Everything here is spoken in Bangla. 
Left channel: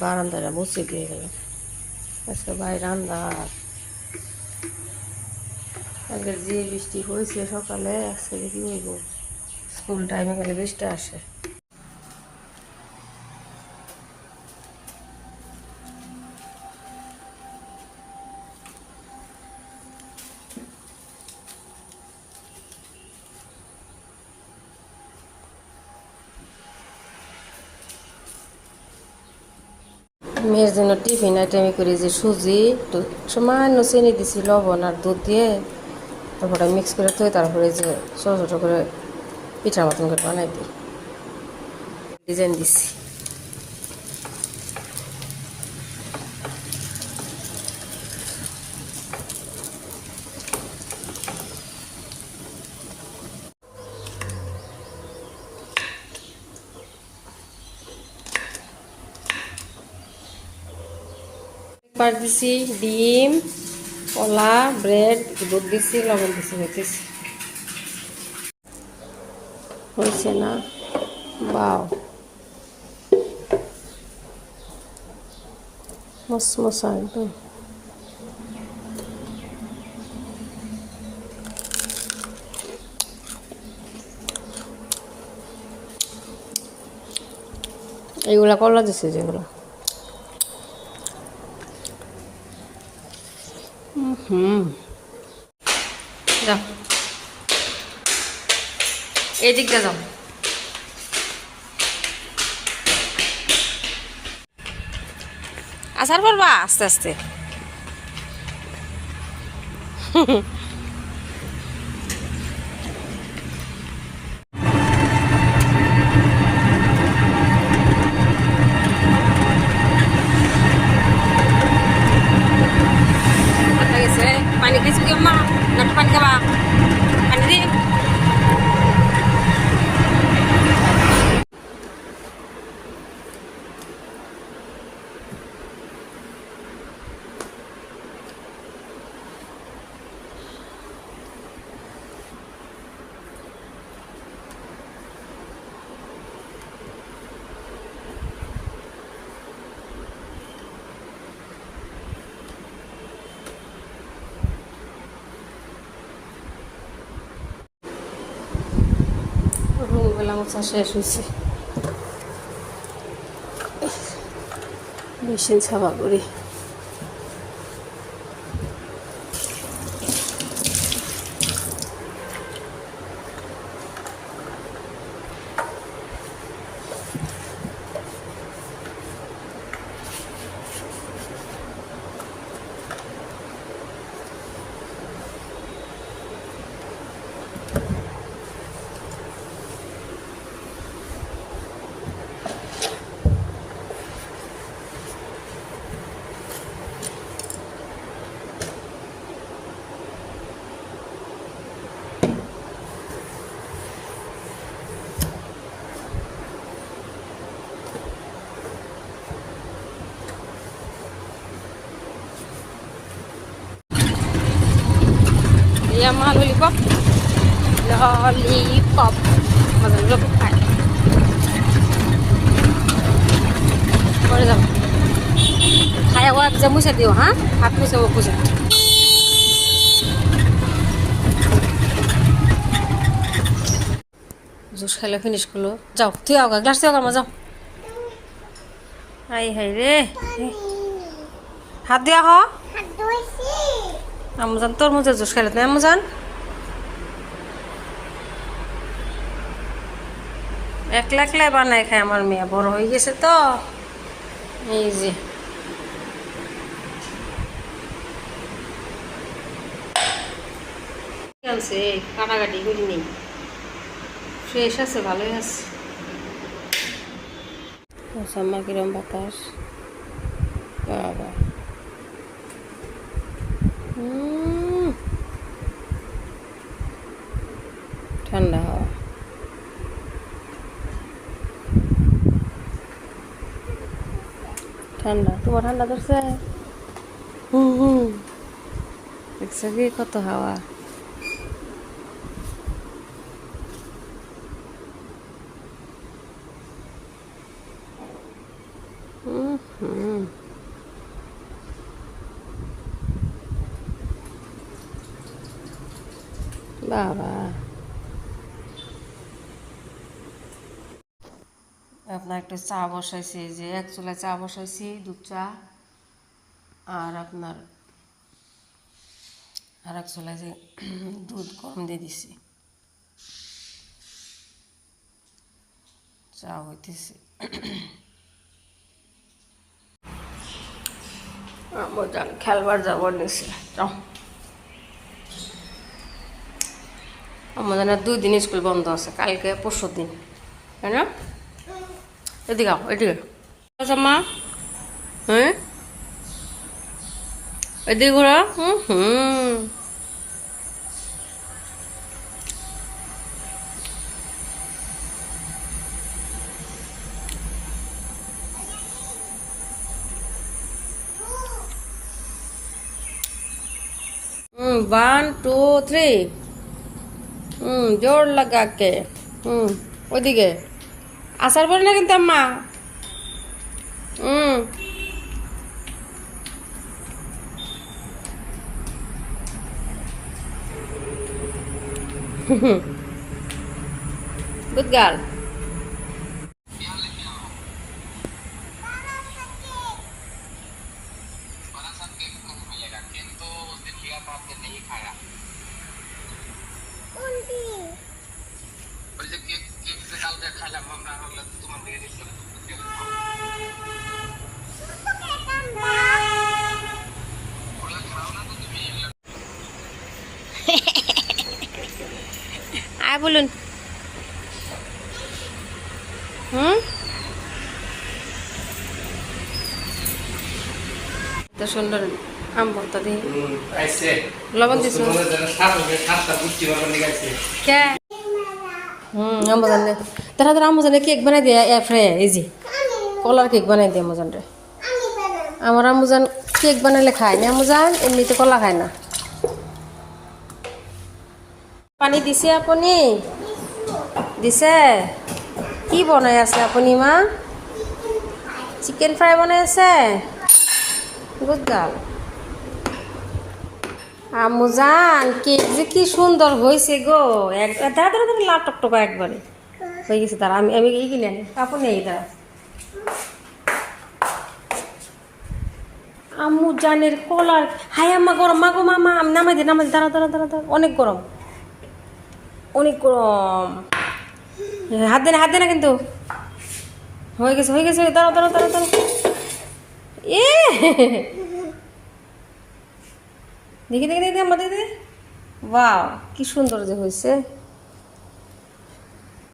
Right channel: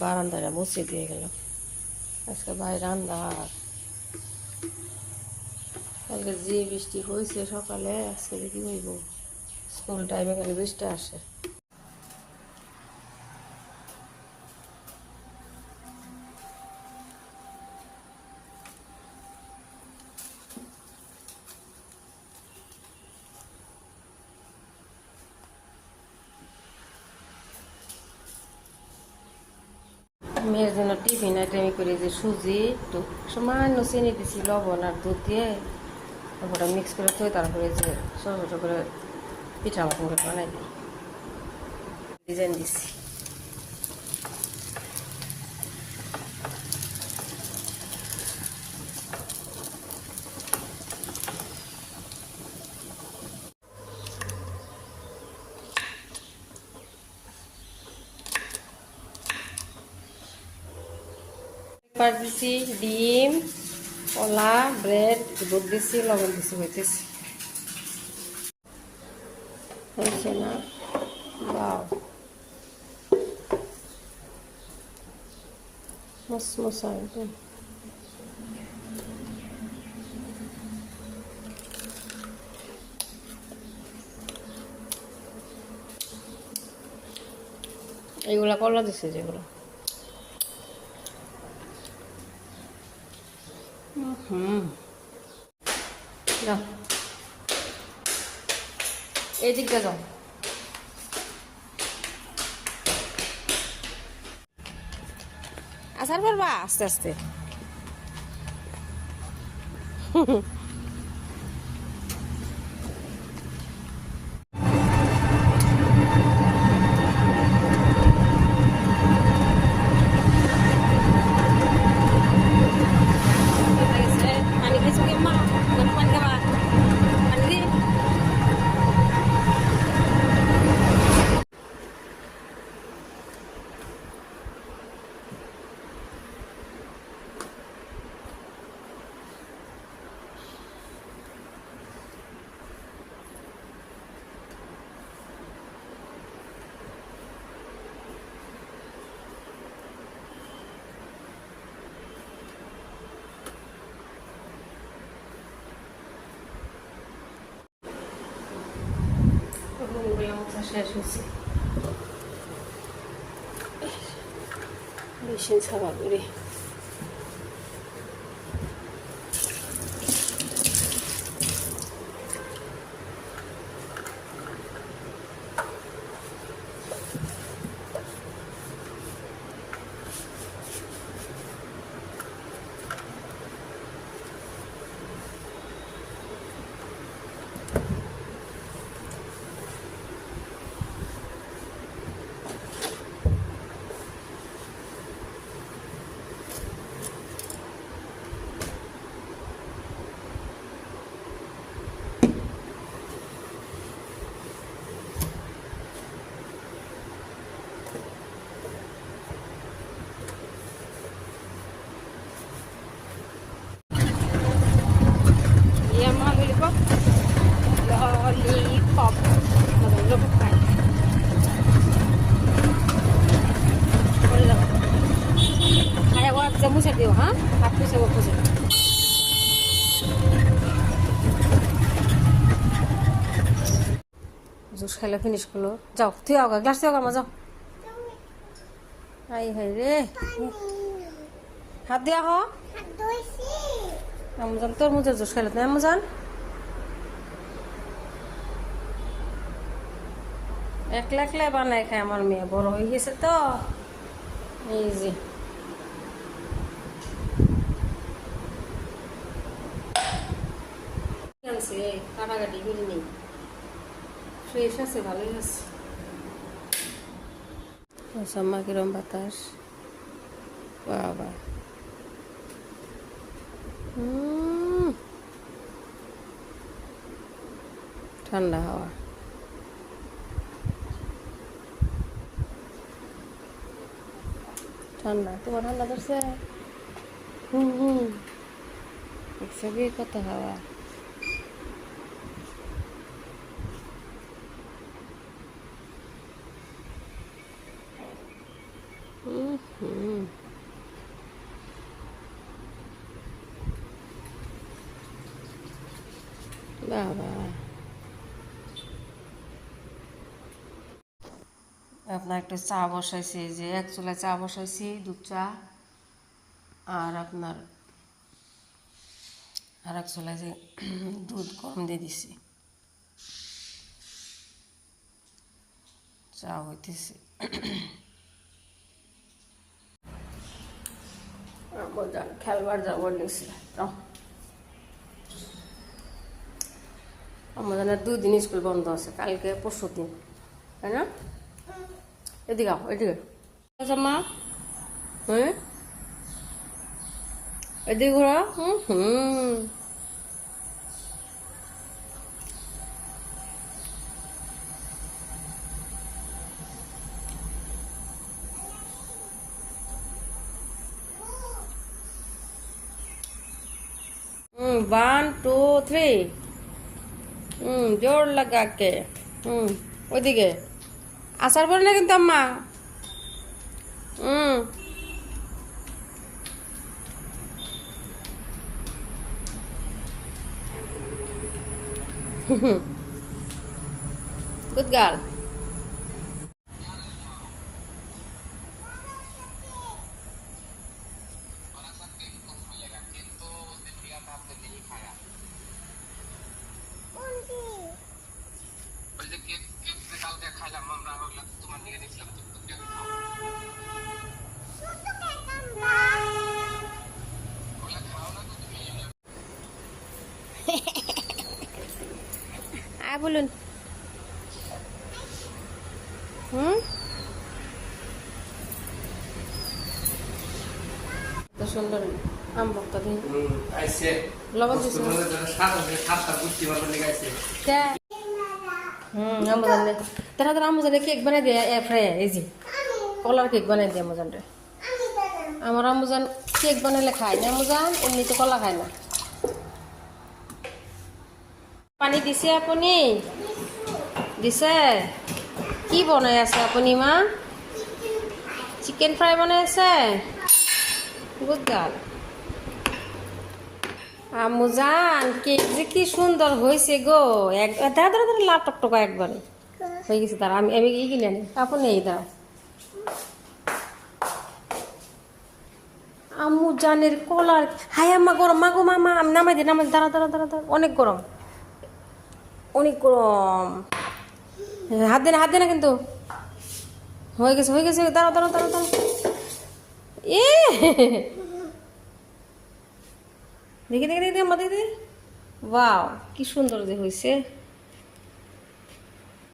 বারান্দাটা মুছে দিয়ে গেলাম। আজকে বাইরে আন্দার, আজকে যে বৃষ্টি হয়েছে সকালে, আজকে কি হইব, স্কুল টাইমে গেলে বৃষ্টি আসে। মেয়ের জন্য টিফিন আইটেম করি যে সুজি, সামান্য চিনি দিছি, লবণ আর দুধ দিয়ে, তারপরে মিক্স করে থই, তারপরে যে ছোটো ছোটো করে পিঠার মতন করে বানাই দিই, ডিজাইন দিছি। পার দিছি, ডিম, কলা, ব্রেড, দুধ দিছি, লবণ দিছি, হইতেছি। হয়েছে না? বাও, মশমশা একদম। এইগুলা কলা দিছে যেগুলো। যাও, এই দিকটা যাও। আসার পারবা আস্তে আস্তে। পানি খেয়েছো কি মা? না পানি খাবা? পানি দি। বেলা মোছা শেষ হয়েছে, মেশিন সাফা করি। Yang lollipop, lollipop, masuk pakai. Boleh tak? Kayak wah bisa musa dia, ha? Aku sama musa. Jus খাইলে ফিনিশ করলো, যাও তুই আও, গ্লাস দিয়ে আমার যাও। হাই হাই রে, হাত দিয়া হ। আমজান তোর মুজে জুস খাইলে না আমজান? একলা একলাই বানায় খায় আমার মেয়ে, বড় হয়ে গেছে তো। এই যে আছে, কাটাকাটি করি নেই, ফ্রেশ আছে, ভালোই আছে। আমার কিরম বাতাস, বাবা ঠান্ডা হাওয়া। ঠান্ডা, তোমার ঠান্ডা ধরছে? দেখছো কি কত হাওয়া। বাবা, আপনার একটা চা বসাইছি, যে এক চুলায় চা বসাইছি, দুধ চা। আর আপনার আর এক চুলায় যে দুধ গরম দিয়ে দিছি, চা হইতেছে। খেলবার যাবার নিছি, আমাদের 2 দিন স্কুল বন্ধ আছে, কালকে 5 দিন, তাই না? এদিকে আও, এদিকে আচ্ছা মা, হ্যাঁ এদিকে ঘোরা। वन टू थ्री, জোর লাগা কে। ওইদিকে আসার পরে না কিন্তু আম্মা। Good girl. আয় বলুন। তো সুন্দর আম ভর্তা দিয়ে লবণ দিছো আম্মু জানে, তারা তোর আম্মু জানে কেক বানাই দিয়ে ফ্রাই, এই যে কলার কেক বানাই দিয়ে আম্মু জানরে। আমার আম্মু জান কেক বানাইলে খায় না, আম্মু জান এমনিতে কলা খায় না। পানি দিছে আপনি? দিছে? কি বনাই আছে আপনি মা? চিকেন ফ্রাই বনাই আছে? Good girl. আম্মু জান কেক যে কি সুন্দর হয়েছে গো, দাঁড়া দাঁড়া দাঁড়া, লাল টকটকা একবারে হয়ে গেছে। দাঁড়া আমি আমি এই কিনে আনি, কাপড় নেই দাঁড়া। আম্মু জানের কলার, হাই আম্মা গরম, মা গো মামা, আমি নামাই দিই নামাই দিই, দাঁড়া দাঁড়া দাঁড়া দাঁড়া, অনেক গরম অনেক গরম। হাত দে না, হাত দে না কিন্তু। হয়ে গেছে হয়ে গেছে, দাঁড়া দাঁড়া দাঁড়া দাঁড়া। এ দেখি দেখি দেখি আমাদের, বাহ কি সুন্দর যে হয়েছে।